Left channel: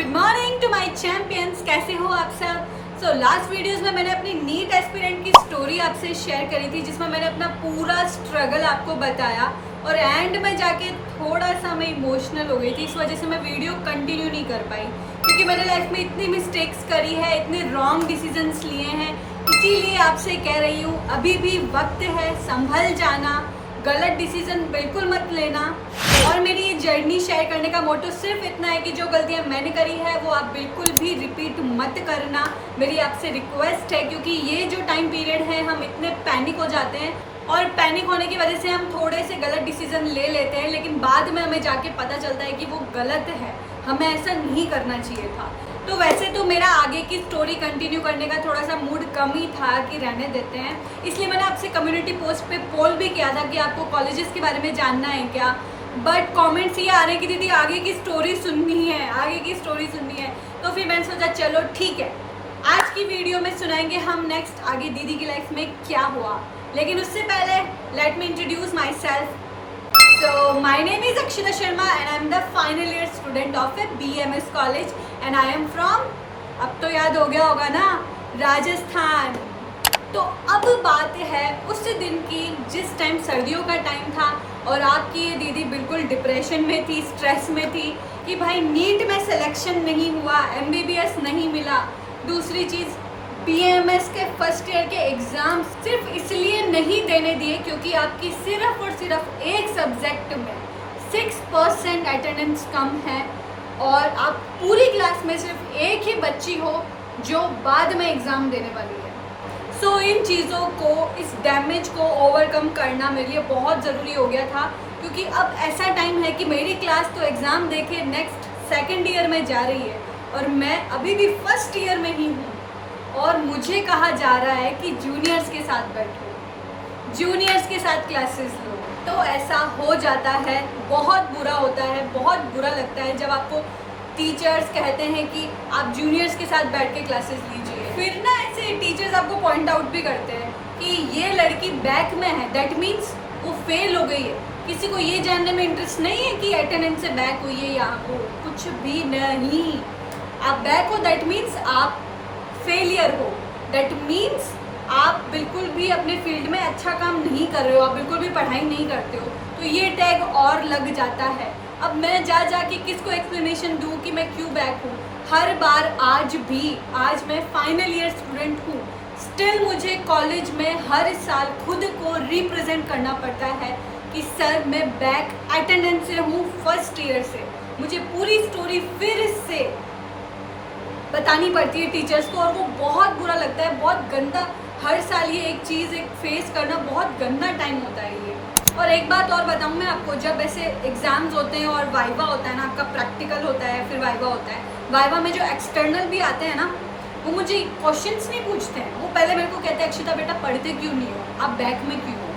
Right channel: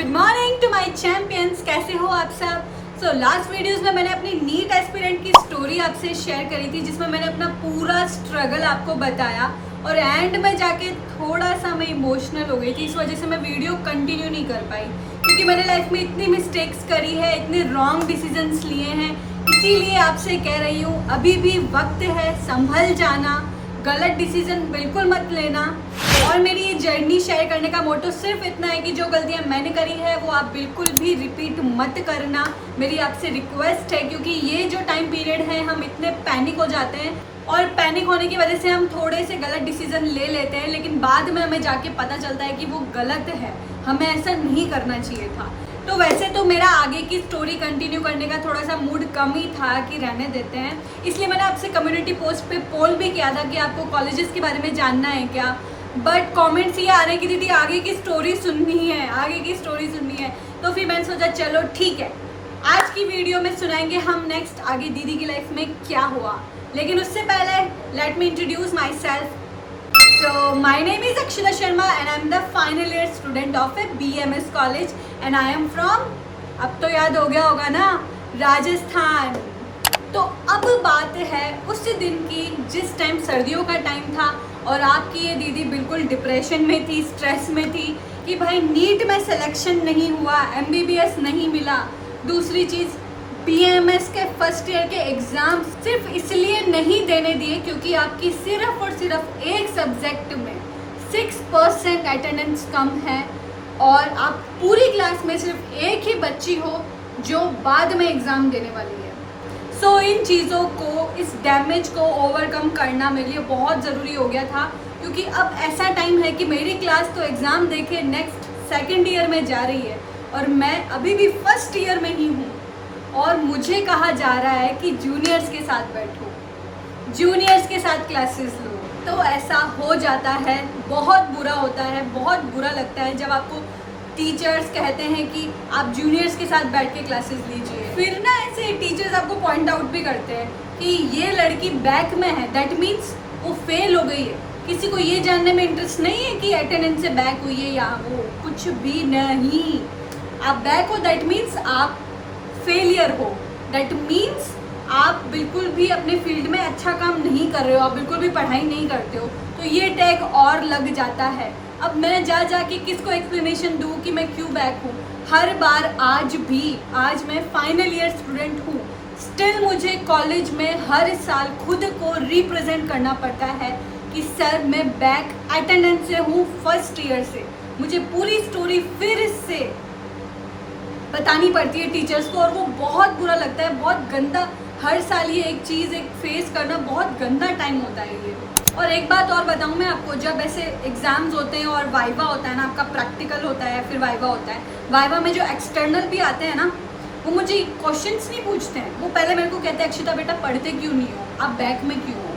Good morning to my champions. कैसे हो आप सब? सो लास्ट वीडियोस में मैंने अपनी नीट एस्पिरेंट की स्टोरी आपसे शेयर करी थी, जिसमें मैंने अपना पूरा स्ट्रगल आपको बताया और एंड में जाके थोड़ा सा मैं इमोशनल हो गई थी। इस वजह से मैं वीडियो कंटिन्यू नहीं कर पाई, क्योंकि मैंने लाइफ में इतनी मिस्टेक्स करी है, इतने रॉन्ग डिसीजंस लिए हैं। इसीलिए आपसे कह रही हूँ, अभी भी वक्त है, संभल जाना, गलत डिसीजन बिल्कुल मत लेना। और मेरी ये जर्नी शेयर करने का मोटो सिर्फ इतना है कि जो गलतियां मैंने करी है वो आप बिल्कुल भी रिपीट मत करना। मेरी आपसे रिक्वेस्ट है, क्योंकि ये जो टाइम पीरियड है हम इतने पैनिक हो जाते हैं और पैनिक होने की वजह से हम थोड़े से गलत डिसीजन ले लेते हैं, लेकिन बाद में हमें जाके पता चलता है कि वो गलत है, हमें ऐसा नहीं करना चाहिए था। तो वैसे तो मेरा आगे की स्टोरी कंटिन्यू करने का थोड़ा सा मूड कम ही था कि रहने देते हैं, इसलिए मैंने आपसे कम्युनिटी पोस्ट पे पोल भी किया था कि आपको कॉलेजेस के बारे में जानना है क्या। बट कमेंट्स ये आ रहे कि दीदी आगे की स्टोरी सुननी है, आगे की स्टोरी सुननी है। तो फिर मैंने सोचा चलो ठीक है, आज की वीडियो में सुनाएंगे हम नेक्स्ट आगे दीदी की लाइफ में क्या हुआ। लेकिन उससे पहले let me introduce my self. So my name is Akshita Sharma and I am the final year student of a BMS college and I am from, अब तो याद हो गया होगा ना, राजस्थान। तो अब बात है उस दिन की जिस टाइम सर्दियों का टाइम था और आपकी ये दीदी बिल्कुल डिप्रेशन में थी, स्ट्रेस में थी कि भाई नीट में सिलेक्शन नहीं हुआ, MBBS नहीं मिला। दूसरी चीज़, BMS के फर्स्ट ईयर के एग्ज़ाम सिर्फ इसलिए नहीं देने दिए क्योंकि आपकी सिर्फ और सिर्फ एक सब्जेक्ट में 6% अटेंडेंस कम है और आप पूरी क्लास में सिर्फ एक ही बच्ची हो जो बाद में एग्ज़ाम देने वाली है। सो इन चीज़ों को, इस डैमेज को ओवरकम करना मेरे लिए बहुत ज़रूरी हो गया था, क्योंकि अब ऐसा टाइम है कि मेरी क्लास तो एग्ज़ाम देके नेक्स्ट सेकेंड ईयर में जा रही है और मैं अभी भी फर्स्ट ईयर में ही हूँ और मुझे कहा जा रहा है कि जूनियर्स के साथ बैठो, जूनियर्स के साथ क्लासेस लो। तो ऐसा हो जाता है, बहुत बुरा होता है, बहुत बुरा लगता है जब आपको टीचर्स कहते हैं कि आप जूनियर्स के साथ बैठ के क्लासेस लीजिए। फिर ना ऐसे टीचर्स आपको पॉइंट आउट भी करते हैं कि ये लड़की बैक में है, दैट मीन्स वो फेल हो गई है। किसी को ये जानने में इंटरेस्ट नहीं है कि अटेंडेंस से बैक हुई है या वो, कुछ भी नहीं। आप बैक हो दैट मीन्स आप फेलियर हो, दैट मीन्स आप बिल्कुल भी अपने फील्ड में अच्छा काम नहीं कर रहे हो, आप बिल्कुल भी पढ़ाई नहीं करते हो। तो ये टैग और लग जाता है। अब मैं जा के किसको एक्सप्लेनेशन दूँ कि मैं क्यों बैक हूँ? हर बार आज मैं फाइनल ईयर स्टूडेंट हूँ, स्टिल मुझे कॉलेज में हर साल खुद को रिप्रेजेंट करना पड़ता है कि सर मैं बैक अटेंडेंस से हूँ फर्स्ट ईयर से। मुझे पूरी स्टोरी फिर से बतानी पड़ती है टीचर्स को और वो बहुत बुरा लगता है, बहुत गंदा। हर साल ये एक चीज़ फेस करना बहुत गंदा टाइम होता है ये। और एक बात और बताऊँ मैं आपको, जब ऐसे एग्ज़ाम्स होते हैं और वाइवा होता है ना, आपका प्रैक्टिकल होता है फिर वाइवा होता है, वाइवा में जो एक्सटर्नल भी आते हैं ना, वो मुझे क्वेश्चंस नहीं पूछते हैं, वो पहले मेरे को कहते हैं अक्षिता बेटा पढ़ते क्यों नहीं हो, आप बैक में क्यों हो।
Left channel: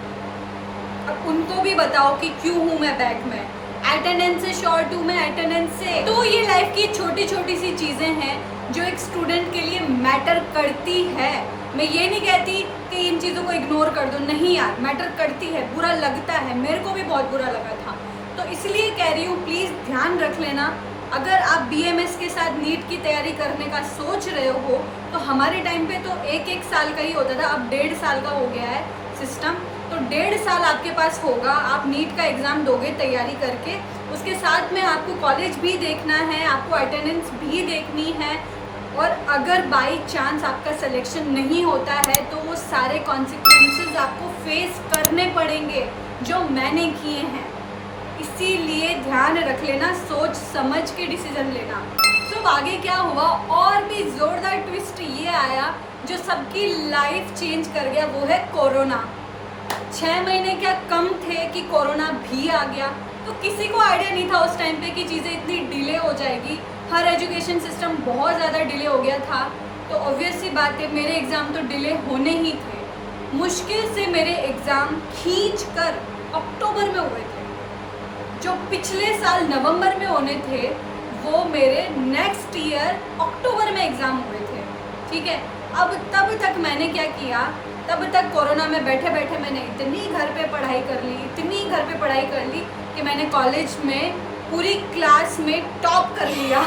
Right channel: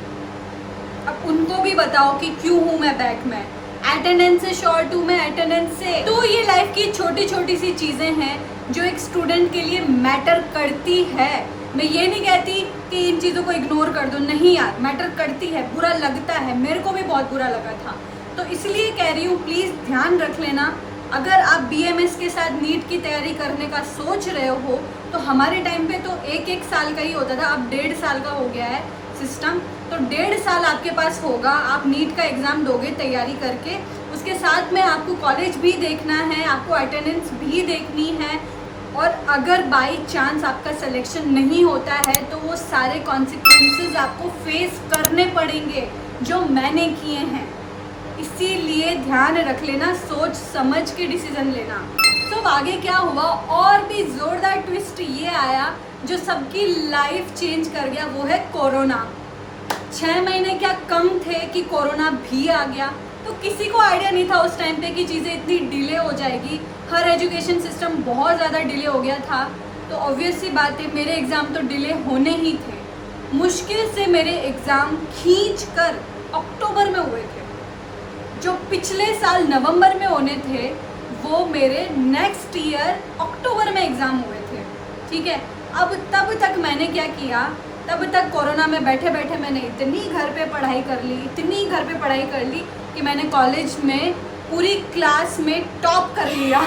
अब उनको भी बताओ कि क्यों हूँ मैं बैक में, अटेंडेंस से शॉर्ट हूँ मैं, अटेंडेंस से। तो ये लाइफ की छोटी छोटी सी चीज़ें हैं जो एक स्टूडेंट के लिए मैटर करती है। मैं ये नहीं कहती कि इन चीज़ों को इग्नोर कर दो, नहीं यार, मैटर करती है, बुरा लगता है, मेरे को भी बहुत बुरा लगा था। तो इसलिए कह रही हूँ, प्लीज़ ध्यान रख लेना। अगर आप BMS के साथ नीट की तैयारी करने का सोच रहे हो तो हमारे टाइम पे तो एक साल का ही होता था, अब 1.5 साल का हो गया है सिस्टम। तो 1.5 साल आपके पास होगा, आप नीट का एग्ज़ाम दोगे तैयारी करके, उसके साथ में आपको कॉलेज भी देखना है, आपको अटेंडेंस भी देखनी है। और अगर बाई चांस आपका सिलेक्शन नहीं होता है तो वो सारे कॉन्सिक्वेंसेस आपको फेस करने पड़ेंगे जो मैंने किए हैं। इसीलिए ध्यान रख लेना, सोच समझ के डिसीजन लेना। तो आगे क्या हुआ, और भी ज़ोरदार ट्विस्ट ये आया जो सबकी लाइफ चेंज कर गया, वो है कोरोना। 6 महीने क्या कम थे कि कोरोना भी आ गया। तो किसी को आइडिया नहीं था उस टाइम पे कि चीज़ें इतनी डिले हो जाएगी। हर एजुकेशन सिस्टम बहुत ज़्यादा डिले हो गया था। तो ऑब्वियस सी बात है, मेरे एग्ज़ाम तो डिले होने ही थे। मुश्किल से मेरे एग्ज़ाम खींच कर अक्टूबर में हुए थे। जो पिछले साल नवंबर में होने थे वो मेरे नेक्स्ट ईयर अक्टूबर में एग्ज़ाम हुए थे। ठीक है, अब तब तक मैंने क्या किया, तब तक कोरोना में बैठे बैठे मैंने इतनी घर पे पढ़ाई कर ली, इतनी घर पे पढ़ाई कर ली कि मैंने कॉलेज में पूरी क्लास में टॉप कर लिया।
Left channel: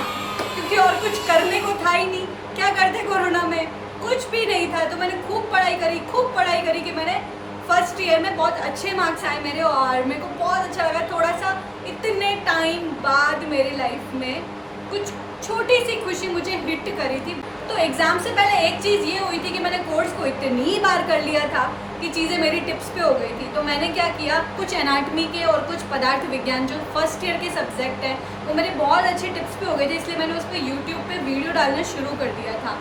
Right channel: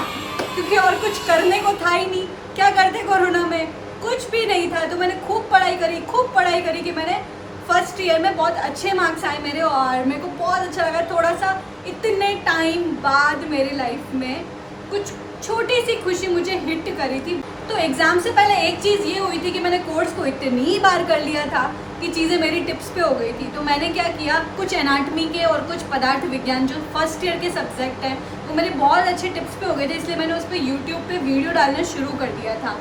क्योंकि और कुछ करने को था ही नहीं। क्या करते कोरोना में, कुछ भी नहीं था। तो मैंने खूब पढ़ाई करी कि मैंने फर्स्ट ईयर में बहुत अच्छे मार्क्स आए मेरे, और मेरे को बहुत अच्छा लगा। थोड़ा सा इतने टाइम बाद मेरी लाइफ में कुछ छोटी सी खुशी मुझे हिट करी थी। तो एग्ज़ाम से पहले एक चीज़ ये हुई थी कि मैंने कोर्स को इतनी बार कर लिया था कि चीज़ें मेरी टिप्स पे हो गई थी। तो मैंने क्या किया, कुछ एनाटमी के और कुछ पदार्थ विज्ञान जो फर्स्ट ईयर के सब्जेक्ट हैं वो मेरे बहुत अच्छे टिप्स पे हो गए थे, इसलिए मैंने उस पर यूट्यूब पे वीडियो डालना शुरू कर दिया था।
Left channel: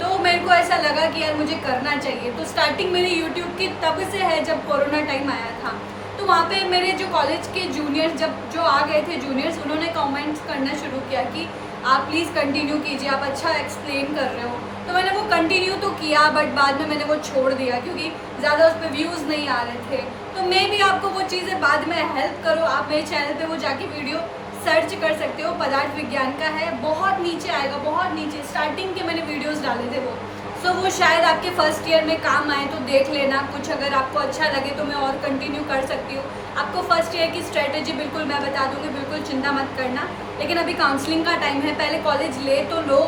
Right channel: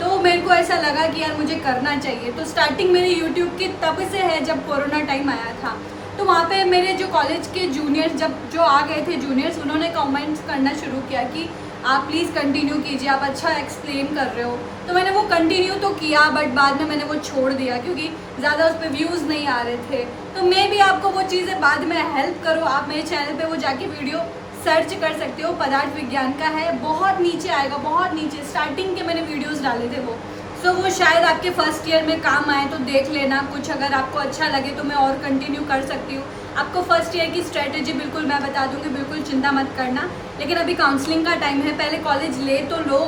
तो मेरे को ऐसा लगा कि यार मुझे करना चाहिए। तो स्टार्टिंग मेरी यूट्यूब की तब से है जब कोरोना टाइम आया था। तो वहाँ पे मेरे जो कॉलेज के जूनियर्स जो आ गए थे जूनियर्स, उन्होंने कमेंट्स करना शुरू किया कि आप प्लीज़ कंटिन्यू कीजिए, आप अच्छा एक्सप्लेन कर रहे हो। तो मैंने वो कंटिन्यू तो किया, बट बाद में मैंने वो छोड़ दिया क्योंकि ज़्यादा उस पर व्यूज़ नहीं आ रहे थे। तो मैं भी आपको वो चीज़ें बाद में हेल्प करूँ, आप मेरे चैनल पे वो जाके वीडियो सर्च कर सकते हो, पदार्थ विज्ञान का है, बहुत नीचे आएगा, बहुत नीचे स्टार्टिंग के मैंने वीडियोज़ डाले थे वो। सो वो शायद आपके फर्स्ट ईयर में काम आए, तो देख लेना। कुछ अगर आपको अच्छा लगे तो मैं और कंटिन्यू कर सकती हूँ। आपको फर्स्ट ईयर की स्ट्रेटजी बिल्कुल मैं बता दूँगी, बिल्कुल चिंता मत करना। लेकिन अभी काउंसलिंग का टाइम है, पहले कॉलेज ले तो लो,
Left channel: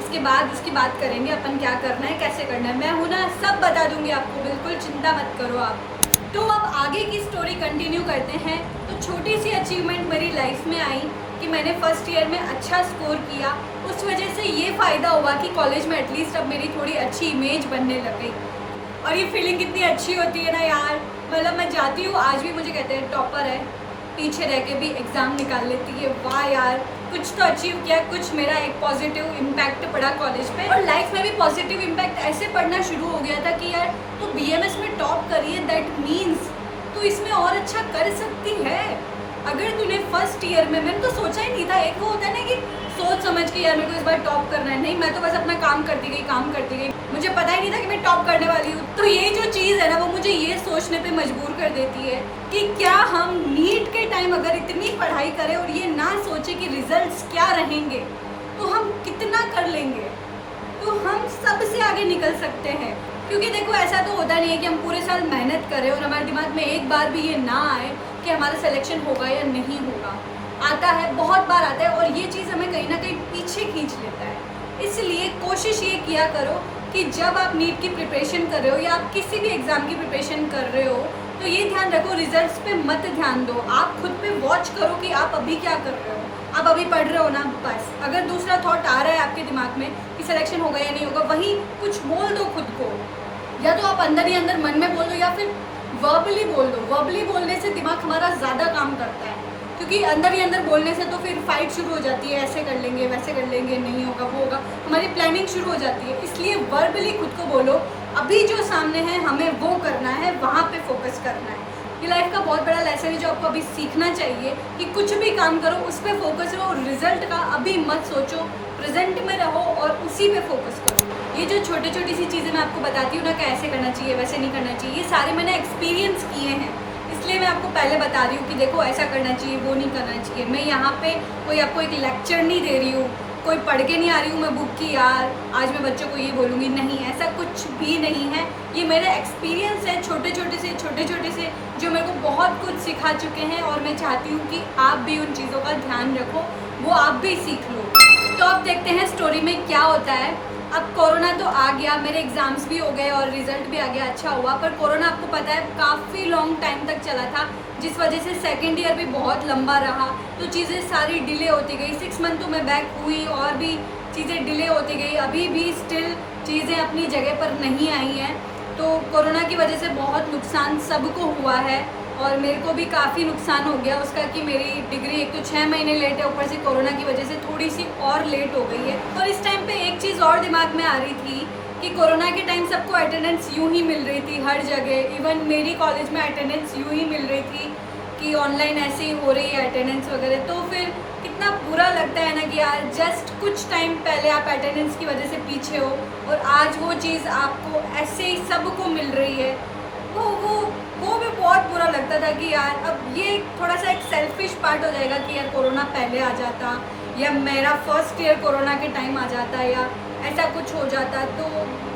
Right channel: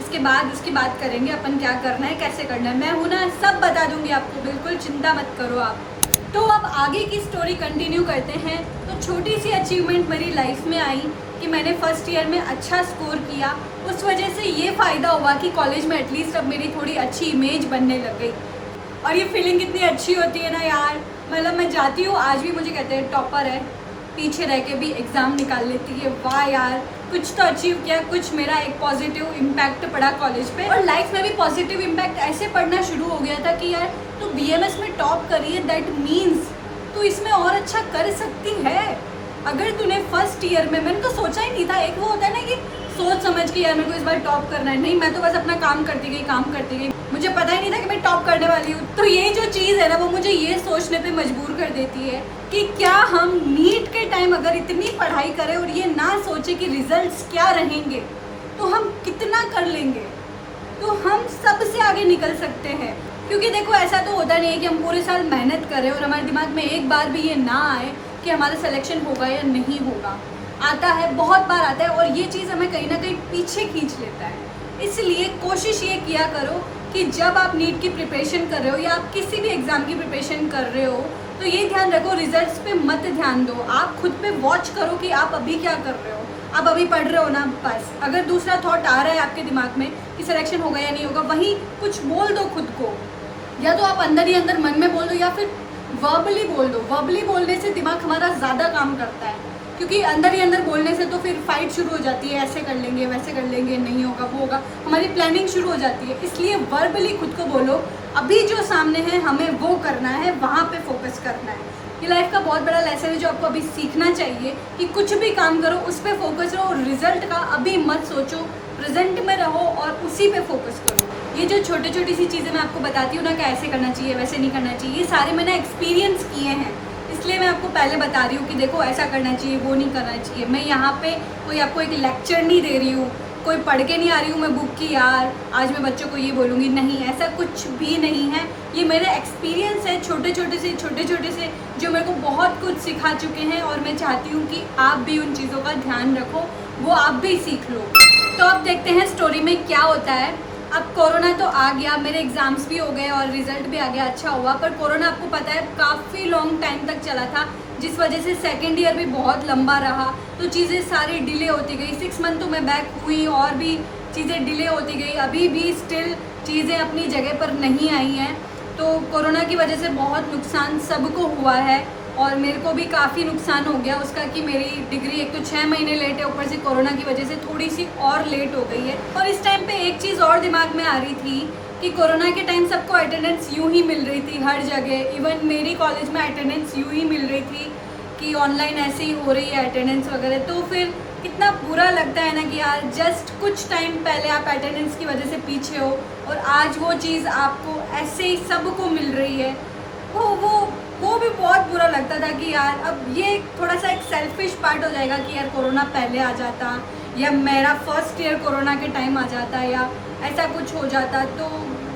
उसके बाद उसकी बात करेंगे अपन क्या करना है, कैसे करना है। मैं हूँ ना, सब बता दूँगी आपको, बिल्कुल चिंता मत करो आप। तो अब आगे की स्टोरी कंटिन्यू करते हैं। तो छोटी सी अचीवमेंट मेरी लाइफ में आई कि मैंने फर्स्ट ईयर में अच्छा स्कोर किया। उस वजह से ये फ़ायदा हुआ कि कॉलेज में एटलीस्ट अब मेरी थोड़ी अच्छी इमेज बनने लग गई। और ये फीलिंग कितनी अच्छी होती है ना यार। मतलब मैं जाती हूँ, आज भी मुझे कहते हैं टॉपर है, पीछे रह के भी एग्ज़ाम निकाल लेती है। वाह यार, कुछ तो अचीव किया, कुछ मेरा एक पॉजिटिव इम्पैक्ट पड़ा कॉलेज पे। और लाइफ में भी पॉजिटिव इम्पैक्ट ऐसे पड़ना शुरू हो गया था कि यार तू BMS में टॉप करी है, दैट मीन्स तू इसमें और अच्छा कर सकती है। अगर तूने फर्स्ट ईयर में, मैंने तो सोचा ही नहीं था, एक वो होता है ना कि सोच समझ के यार मेरे को इस बार टॉप करना है, नहीं मैं तो बस अपना काम करती गई, मुझे पता ही नहीं था कि मैं टॉप करने वाली हूँ। तो ये जो चीज़ है ना, वो मुझे ये सोचने पे मजबूर कर देती है कि क्या हम नीट के टाइम अगर इतनी पढ़ाई करें और ये ना सोचे कि रिजल्ट्स क्या रहेंगे, तो हम कितना कर लेंगे, तो हम सबसे आगे निकल सकते हैं। क्योंकि देखो ऐसा तो होता नहीं है कि हम पूरे साल मेहनत करें और हमारे दिमाग में एक बार भी ये ना आए कि हमारा सिलेक्शन होगा या नहीं होगा। आता है, बहुत बार आता है, और ये चीज़ हमें कहीं ना कहीं पीछे खींच लेता है। इसलिए कोशिश ये किया करो कि जब आप नीट की प्रिपरेशन कर रहे हो या आप किसी भी एग्ज़ाम की प्रिपरेशन कर रहे हो, तो ये ध्यान रखो, रिजल्ट्स पे मत ध्यान दो। आप खुद पे वॉच करो कि आप अभी क्या कर रहे हो। आप अभी पढ़ रहे हो ना, बस। अगर दूसरा थॉट आ रहा है आपके दिमाग में कि सिलेक्शन होगा या नहीं होगा, वहीं कुछ बोल दो खुद को। या तो आप अंदर ही अंदर मन में बोल दो या फिर वर्बली बोल दो। वर्बली बोलने से दिमाग हमारा ज़्यादा काम करता है, क्योंकि अंदर ही अंदर बोलने से तो फिर फाइट शुरू हो जाती है, ऐसे कर लेंगे, वैसे कर लेंगे, नहीं होगा, वो होगा, हमारी प्लानिंग शुरू हो जाती है। इसलिए वर्बली खुद को बोलो, अभी जो सामने है हमें वो करना है, वहाँ पे फोकस करना है। ये लाइफ का बहुत बड़ा लेसन है जो आपको अभी सीखना चाहिए कि कुछ भी काम करो उस पर फोकस रहो, रिजल्ट का अभी मत सोचो, प्रेजेंट में रहो और उसी पे फोकस करो। ये जो छोटी छोटी सी चीज़ें मैं आपको बताती हूँ ना, कैसे करना चाहिए, वैसे नहीं करना चाहिए, ये सारे मैंने एक्सपीरियंस किए हैं, इसलिए मैं आपको पहले बता रही हूँ कि देखो ऐसा करना चाहिए, वो नहीं करना चाहिए। मैं यहाँ पे कोई आपको एक लेक्चर नहीं दे रही हूँ, कोई पढ़ के नहीं आ रही हूँ मैं बुक की, यार आज मैं बच्चों को ये बोलूँगी, नहीं, ऐसा कुछ भी नहीं है। ये मेरे एक्सपीरियंस है, छोटे छोटे से जो मेरे को बहुत कुछ सिखा चुके हैं, और मैं चाहती हूँ कि आप भी उन चीज़ों का ध्यान रखो, वो आप भी सीख लो। तो अब देखते हैं स्टोरी में क्या होता है। अब कोरोना तो आ गया, मेरे एग्ज़ाम्स भी हो गए और रिज़ल्ट भी आ गया, अच्छा हुआ। पर कोरोना आपको पता है काफ़ी लॉन्ग टाइम तक चला था, जिस वजह से सेकेंड ईयर भी बहुत लंबा रहा, तो चीज़ें सारी डिले होती गई। 6 मंथ तो मैं बैक हुई और भी चीज़ें डिले होती गई, अभी भी स्टिल चीज़ें अपनी जगह पर नहीं आई हैं। तो कोरोना की वजह से बहुत नुकसान सबको हुआ है, और मेरे को भी काफ़ी नुकसान हो गया उसका कि मेरी डिग्री एक तो 6 महीने लेट है, ऊपर से कोरोना की वजह से थोड़ी सी और लेट हो गई है। और इस टाइम पे एक चीज़ और दिमाग में आ रही थी कि कोरोना के टाइम सबको अटेंडेंस यूँ ही मिल रही थी हर जगह, इवन मेरी कॉलेज में अटेंडेंस यूँ ही मिल रही थी कि ऑनलाइन ऐसे ही हो रही है अटेंडेंस वगैरह। तो फिर कितना बुरा लगता है ना कि यार जस्ट कुछ टाइम पहले आप अटेंडेंस की वजह से पीछे हो और आज वो चीज़ आपको ऐसे ही सबको मिल रही है। वो भी बहुत बुरा लगता था कि यार अब ये थोड़ा सा एक सेल्फिश पार्ट हो जाएगा कि यार कोरोना पहले आ जाता, या मेरा फर्स्ट ईयर कोरोना के टाइम आ जाता, या ऐसा कुछ हो जाता, तो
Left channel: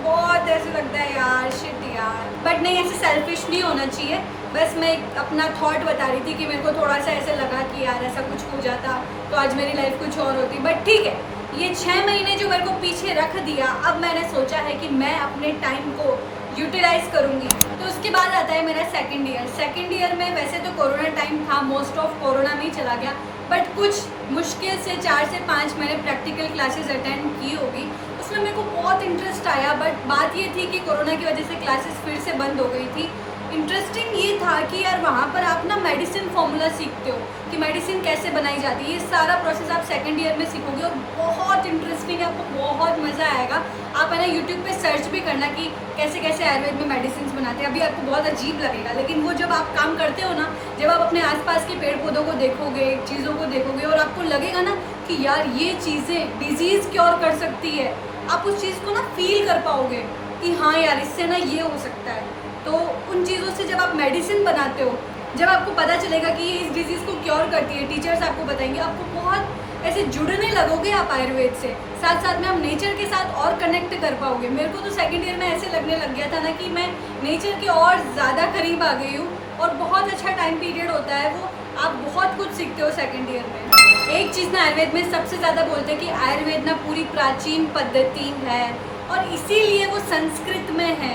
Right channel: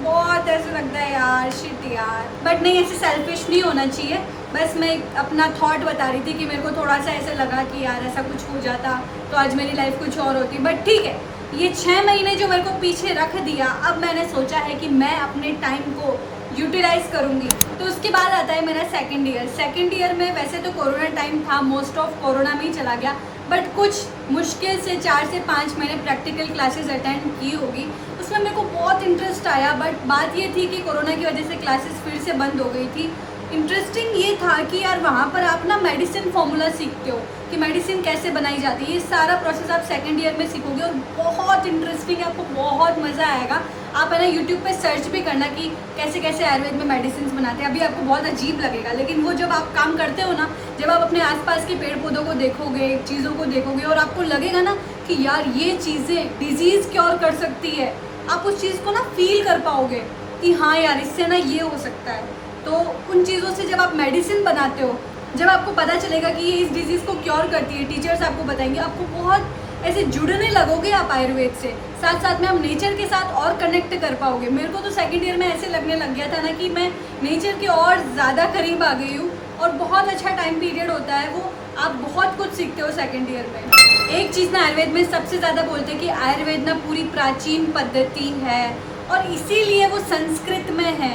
बहुत ऐसे लगता है यार शिट यार। बट नहीं, ऐसे सेल्फिश नहीं होना चाहिए। बस मैं अपना थॉट बता रही थी कि मेरे को थोड़ा सा ऐसे लगा कि यार ऐसा कुछ हो जाता तो आज मेरी लाइफ कुछ और होती। बट ठीक है, ये 6 महीने जो मेरे को पीछे रख दिया, अब मैंने सोचा है कि मैं अपने टाइम को यूटिलाइज करूँगी। तो उसके बाद आता है मेरा सेकंड ईयर। सेकंड ईयर में वैसे तो कोरोना टाइम था, मोस्ट ऑफ कोरोना में ही चला गया, बट कुछ मुश्किल से 4 से 5 मैंने प्रैक्टिकल क्लासेस अटेंड की होगी। उसमें मेरे को बहुत इंटरेस्ट आया, बट बात ये थी कि कोरोना की वजह से क्लासेस फिर से बंद हो गई थी। इंटरेस्टिंग ये था कि यार वहाँ पर आप ना मेडिसिन फॉर्मूला सीखते हो कि मेडिसिन कैसे बनाई जाती है। ये सारा प्रोसेस आप सेकंड ईयर में सीखोगे और बहुत इंटरेस्टिंग है, आपको बहुत मज़ा आएगा। आप है ना यूट्यूब पे सर्च भी करना कि कैसे कैसे आयुर्वेद में मेडिसिन बनाते हैं। अभी आपको बहुत अजीब लगेगा, लेकिन वो जब आप काम करते हो ना, जब आप अपने आसपास के पेड़ पौधों को देखोगे, चीज़ों को देखोगे और आपको लगेगा ना कि यार ये चीज़ें डिजीज़ क्योर कर सकती है, आप उस चीज़ को ना फील कर पाओगे कि हाँ यार इससे ना ये हो सकता है। तो उन चीज़ों से जब आप मेडिसिन बनाते हो, जब आपको पता चलेगा कि ये इस डिजीज़ को क्योर करती है, टीचर्स आपको बताएंगे, आपको बहुत ऐसे जुड़ने लगोगे आप आयुर्वेद से। साथ साथ में आप नेचर के साथ और कनेक्ट कर पाओगे। मेरे को तो सेकंड ईयर में ऐसे लगने लग गया था ना कि मैं नेचर के और ज़्यादा करीब आ गई हूँ और बहुत अच्छा टाइम पीरियड होता है वो। आप बहुत कुछ सीखते हो सेकंड ईयर में। एक चीज़ ना आयुर्वेद में सबसे ज़्यादा बोलते हैं कि आयुर्वेद ना पूरी प्राचीन पद्धति है और इसीलिए वो संस्कृत में है।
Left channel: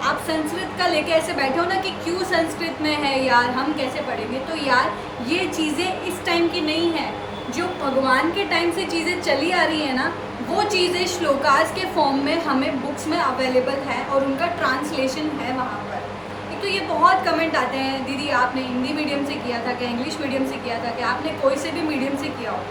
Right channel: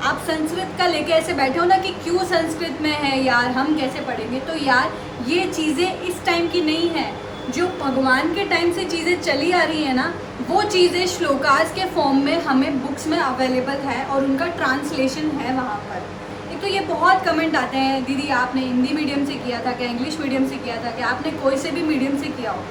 आप संस्कृत का लेके ऐसे बैठे हो ना कि क्यों संस्कृत में है यार, हम कैसे पढ़ेंगे। तो यार ये चीज़ें इस टाइम की नहीं है, जो भगवान के टाइम से चीज़ें चली आ रही है ना, वो चीज़ें श्लोकास के फॉर्म में हमें बुक्स में अवेलेबल है और उनका ट्रांसलेशन है वहाँ पर। एक तो ये बहुत कमेंट आते हैं, दीदी आपने हिंदी मीडियम से किया था क्या, इंग्लिश मीडियम से किया था क्या, आपने कोई से भी मीडियम से किया हो,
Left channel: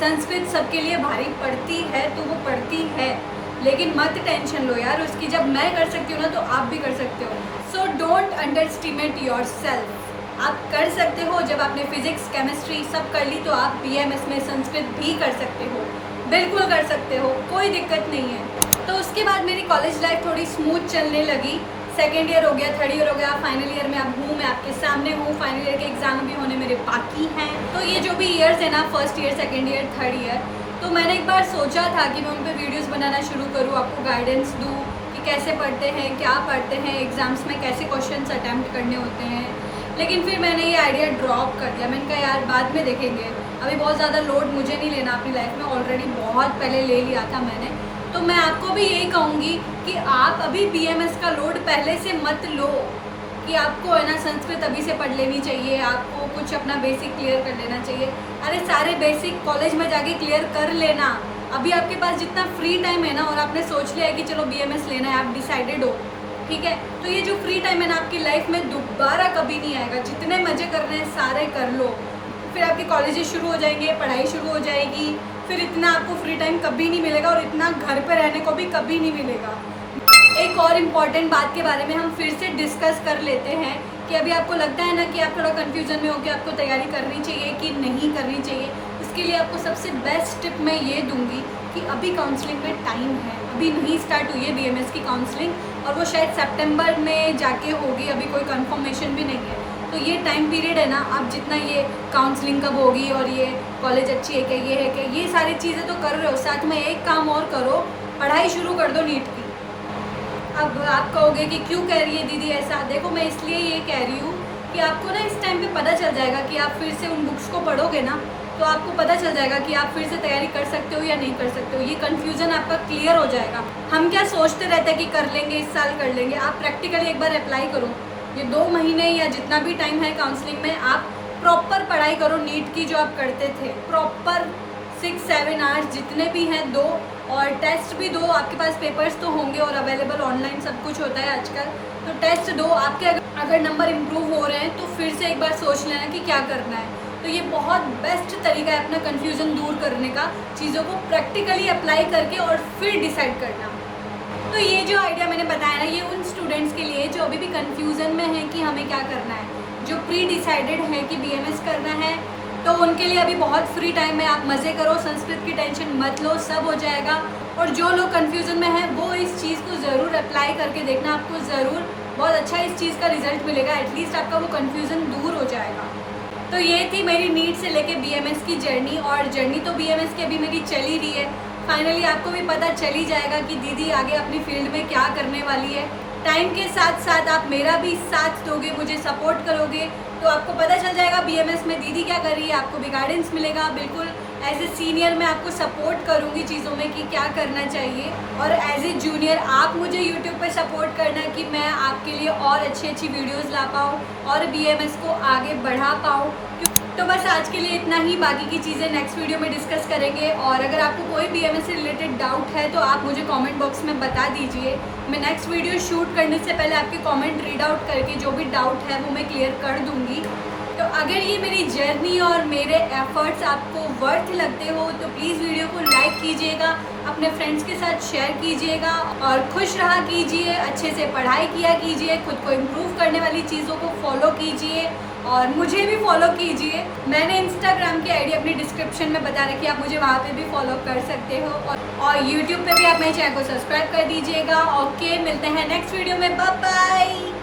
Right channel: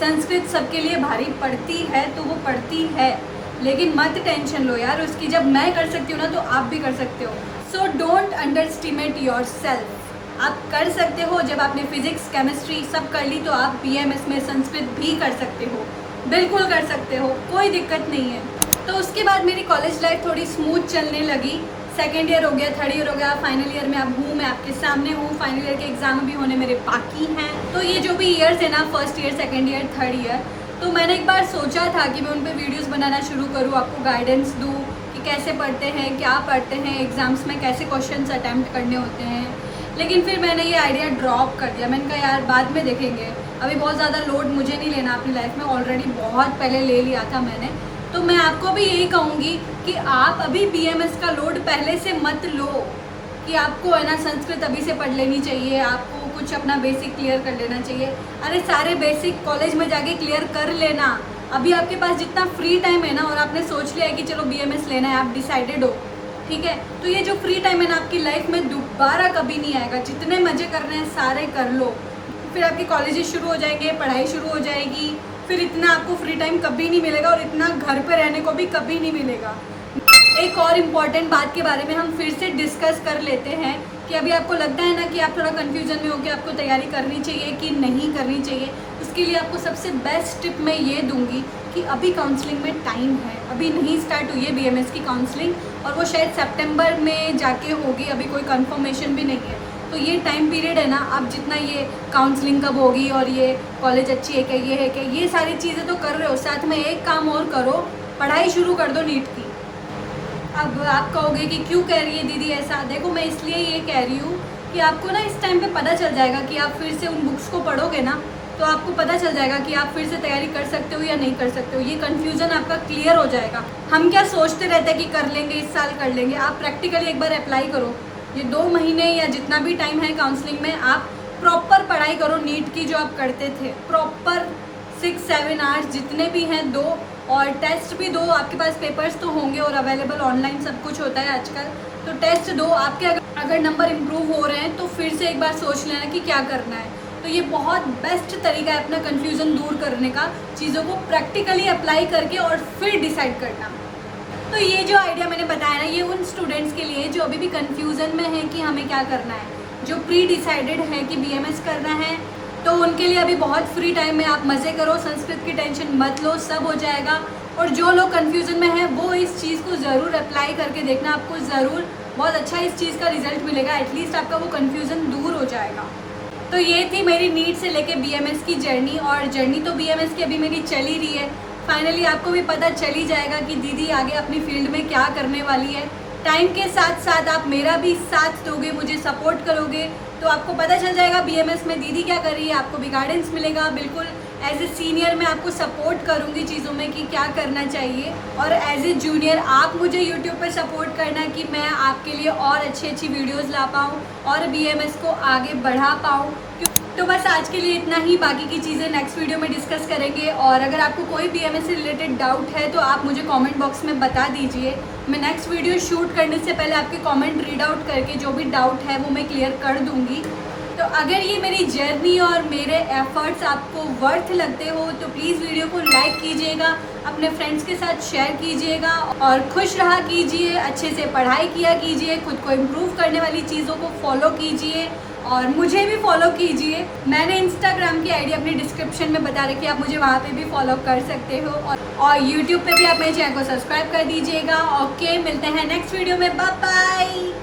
संस्कृत सबके लिए भारी पड़ती है तो वो पड़ती है, लेकिन मत टेंशन लो यार उसकी। जब मैं कर सकती हूँ ना तो आप भी कर सकते हो। So don't underestimate your self. आप कर सकते हो। जब आपने फिजिक्स केमिस्ट्री सब कर ली तो आप BMS में संस्कृत भी कर सकते हो, बिल्कुल कर सकते हो, कोई दिक्कत नहीं है। तो उसके बाद मेरी कॉलेज लाइफ थोड़ी स्मूथ चलने लगी। सेकेंड ईयर हो गया, थर्ड ईयर हो गया, फाइनल ईयर में अब हूँ, मैं आपके सामने हूँ। फाइनल ईयर के एग्जाम भी होने मेरे बाकी हैं। तो ये जो भी ईयर्स है ना, first year, second year, third year, तो मैंने एक बार सोचा था कि मैं उन पर वीडियोस बनाना शुरू करूँ, आपको गाइडेंस दूँ कि कैसे पढ़ते हैं, क्या पढ़ते हैं, एग्ज़ाम्स में कैसे क्वेश्चंस अटैम्प्ट करने होते हैं। लेकिन फिर मैंने ये आइडिया ड्रॉप कर दिया। मैंने कहा यार बाद में देखेंगे, अभी बहुत ज़्यादा लोड मुझे नहीं लेना अपनी लाइफ में, ऑलरेडी बहुत पहले ले लिया था मैंने। तो मैं आपको भी यही कहूँगी कि आप अभी BMS का लोड पहले से मत लो कि आपको है ना संस्कृत अभी से पढ़ लेनी चाहिए, आपको कुछ अपना बेसिक क्लियर कर लेना चाहिए। अरे सारे बेसिक कॉलेज में जाके क्लियर कर लेना। अभी आपके पास जितना फ्री टाइम है ना, और आपने सोच लिया है कि चलो BMS लेना है, आप डिसाइडेड हो, ठीक है, तो ये जो फ्री टाइम है ना आपकी लाइफ में दोबारा कभी नहीं आएगा। जितने मज़े करने हैं सारे कर लो, फिर आपके कॉलेजेस शुरू हो जाएंगे, पढ़ाई शुरू हो जाएगी, फिर इतना आपको फ्री टाइम कभी नहीं मिलेगा और इतना घर पे रहने को भी कभी नहीं मिलेगा। एक और इम्पॉर्टेंट बात के बारे में हम फिर से डिस्कस कर लेते हैं कि अभी आपको लगता है ना कि आप थोड़ा कन्फ्यूजन में हो कि आपको तैयारी करनी चाहिए कि नहीं करनी चाहिए। उसके लिए आपको सबसे बेस्ट टिप मैं ये दूंगी कि अभी काउंसलिंग में टाइम है, अभी नहीं स्टार्ट हुई है BMS की काउंसलिंग, और वो शायद सितंबर में जाके होगी, अभी कोई कंफर्मेशन भी नहीं है। तो ये टाइम पीरियड है ना, आप जितना ये काउंसलिंग कब होगी और ये कॉलेज अच्छी है क्या, ये है क्या, ये सारी चीज़ें तो कर रहे हो, साथ में एक काम और करो, पढ़ाई शुरू कर दो नीट की। अब आप कहोगे कि क्यों कह रही है दीदी ऐसा। देखो मैं इसलिए ये कह रही हूँ कि आपको ना इस टाइम पे पता चल जाएगा कि आप फिर से उन बुक्स को पढ़ोगे ना, तो आपको पता चल जाएगा कि आप फिर से तैयारी कर सकते हो या नहीं कर सकते हो। ये कन्फ्यूज़न आपका क्लियर हो जाएगा। हम क्या सोचते रहते हैं कि कर लेंगे, इस साल कर लेंगे। आप प्रैक्टिकली एक बार अप्लाई करो, ये 2 महीने या जितना भी टाइम है काउंसलिंग में, आप प्रॉपर पढ़ाई करो नीट की जो आप करते थे, प्रॉपर 6-7 आवर्स जितने भी हैं दो, और टेस्ट भी दो। आपके पास पेपर्स तो होंगे और अवेलेबल ऑनलाइन सब कुछ होता है आजकल, तो टेस्ट दो। आपके अगर नंबर इम्प्रूव हो रहे हैं तो फिर से एक बार सोच लेना कि क्या करना है। तो ये बहुत बेस्ट तरीका है अपना कन्फ्यूज़न दूर करने का, चीज़ों को प्रैक्टिकली अप्लाई करके और फिर डिसाइड करना। तो ये जो आइडिया मैंने बताया ना, ये उन स्टूडेंट्स के लिए जो अभी भी कन्फ्यूज़न में है कि हमें क्या करना है, जो प्री डिसाइडेड है कि BMS करना है, तो उनके लिए अभी बहुत फ्री टाइम है। आप मज़े करो, संस्कृत की टेंशन मत लो, सब हो जाएगा। और जो लोग कन्फ्यूज़न में हैं वो इस चीज़ को ज़रूर अप्लाई करके देखना, आपको ज़रूर बहुत अच्छा इस चीज़ का रिजल्ट मिलेगा। एटलीस्ट आपका वो कन्फ्यूज़न दूर हो जाएगा। तो ये थी मेरी नीट से लेके BMS की जर्नी, और जर्नी तो BMS की अभी मेरी चल ही रही है। फाइनली आपको भी पता चल ही जाएगा कि दीदी आगे अपनी फील्ड में क्या करने वाली है। टाइम के साथ साथ आप मेरा भी साथ दोगे, मुझे सपोर्ट करोगे, तो आपको पता चल जाएगा BMS में दीदी क्या कर रही है, आपको भी गाइडेंस मिलेगा। बिल्कुल एज ए सीनियर मैं आपको सपोर्ट करूँगी चीज़ों में कि क्या करना चाहिए, और एज ए जूनियर आप मुझे यूट्यूब पर सपोर्ट करना कि मैं आपके लिए और अच्छी अच्छी वीडियोज़ ला पाऊँ और BMS को आगे बढ़ा पाऊँ। तो बस आज के लिए इतना ही, बाकी की चीज़ें नेक्स्ट वीडियो में डिस्कस करेंगे। और अगर आपको कोई BMS से रिलेटेड डाउट है तो आप मुझे कमेंट बॉक्स में बता दीजिए। मैं नेक्स्ट वीडियो शूट करने से पहले आपके कमेंट रीड आउट करके जो भी डाउट है वो मैं क्लियर कर दूँगी। तो अगर ये मेरी जर्नी और मेरे एफर्ट्स आपको वर्थ लगते हो तो प्लीज़ वीडियो को लाइक कीजिएगा, अपने फ्रेंड्स के साथ शेयर कीजिएगा और खुश रहा कीजिए, अच्छे से पढ़ाई किया कीजिए, खुद को इम्प्रूव करने वाली चीज़ों को फॉलो कीजिए और मुझे भी फॉलो कीजिए। मैंने इंस्टाग्राम की आईडी अपनी डिस्क्रिप्शन में बता रखी है, आप मुझे वहाँ पे भी फॉलो कर सकते हो और यूट्यूब पे भी आप मेरे चैनल को सब्सक्राइब कर दीजिएगा। ओके, मिलते हैं नेक्स्ट वीडियो में, बाय बाय।